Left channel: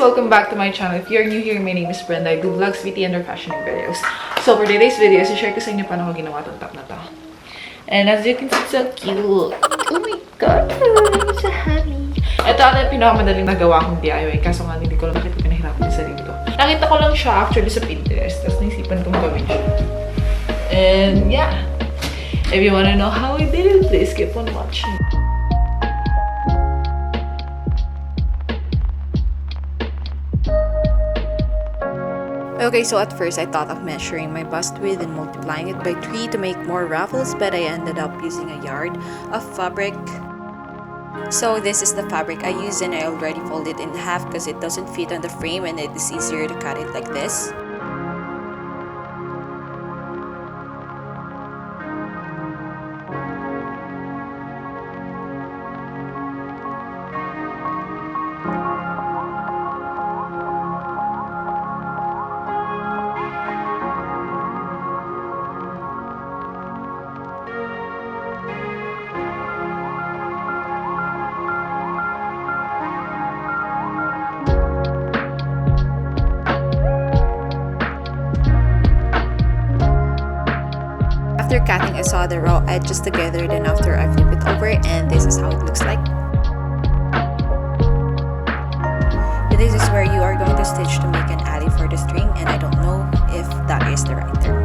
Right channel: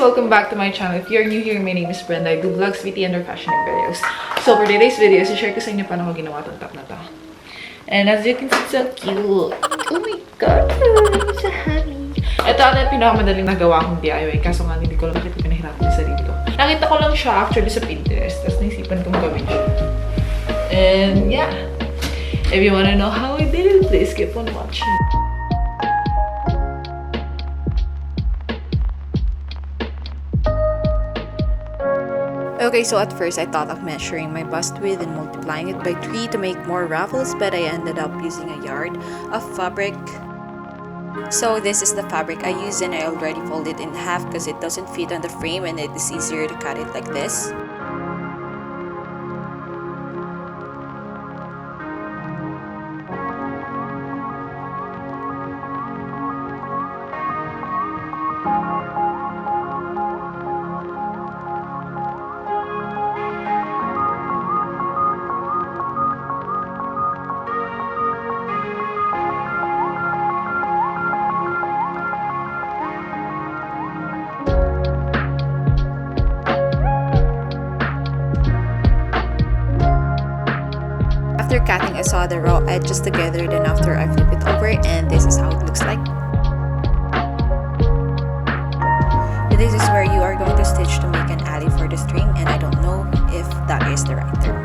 welcome back to my channel. If you're new here, my name is Brenda. I do vlogs, beauty, and fashioning videos. So for today's video, share ko sa inyo paano ko ginawa itong top na to. And as you can see, so cute. Oh my god, I'm so happy. Ito ang pinakamadaling nagawa kong DIY. Kaso nga, hindi ko lang bakit pinahirapan yung sarili ko. Nakita ko lang siya actually sa Pinterest. Tapos naisipan kong gawin siya. And yeah. If you wanna know how I did it, please keep on watching. Okay, so at first I thought of measuring my bust width and multiplying it by 3 to make more ruffles, but I ended up using a yard of fabric. So this is the fabric I used, and I already folded it in half because it doesn't fit on the frame and it is easier to cut it like this. After cutting, I saw the raw edges together, then after I flip it over, and this is how it looks like. This is where you are going to stitch to make an alley for the string, and I don't know if that is the right term.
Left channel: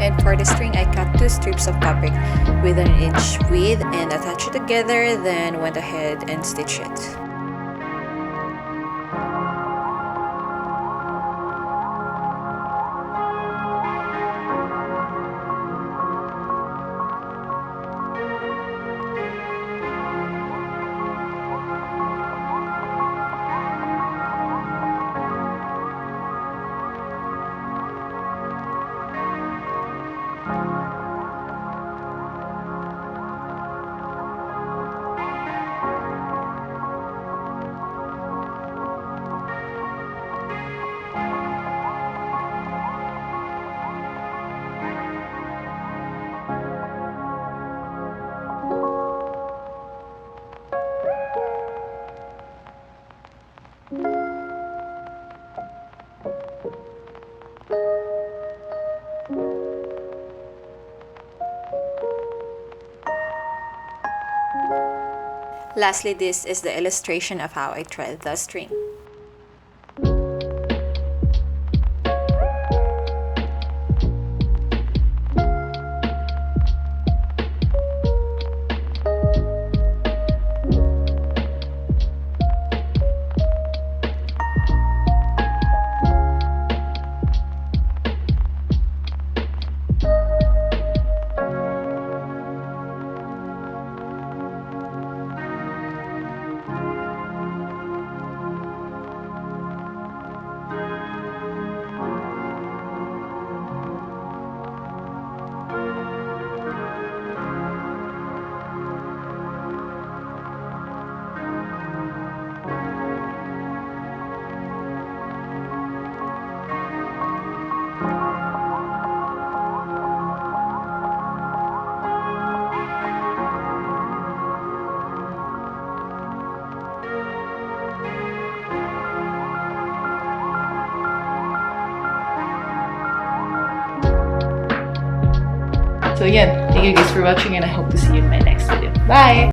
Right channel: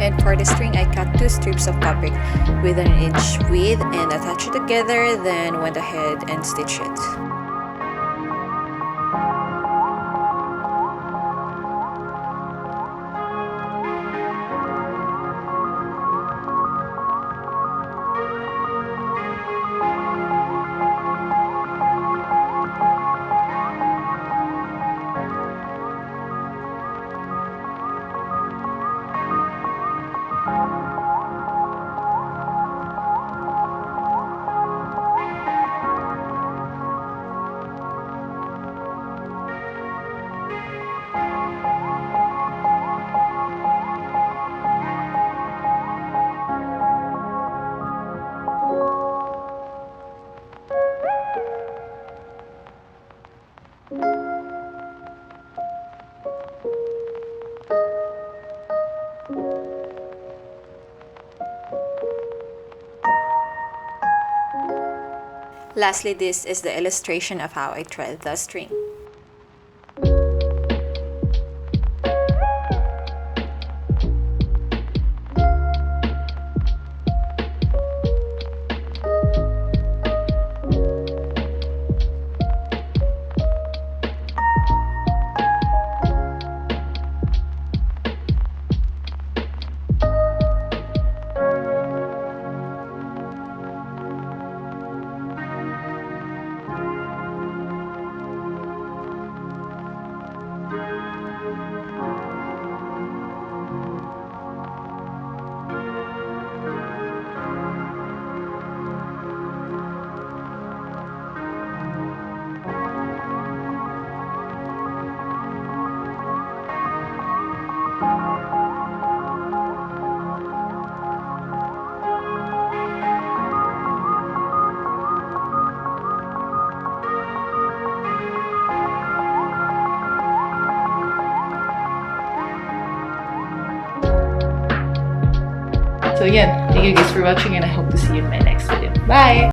And for the string, I cut 2 strips of fabric with 1 inch width and attached it together, then went ahead and stitched it. Lastly, this is the illustration of how I thread the string. So again, thank you guys for watching, and I hope to see you in my next video. Bye!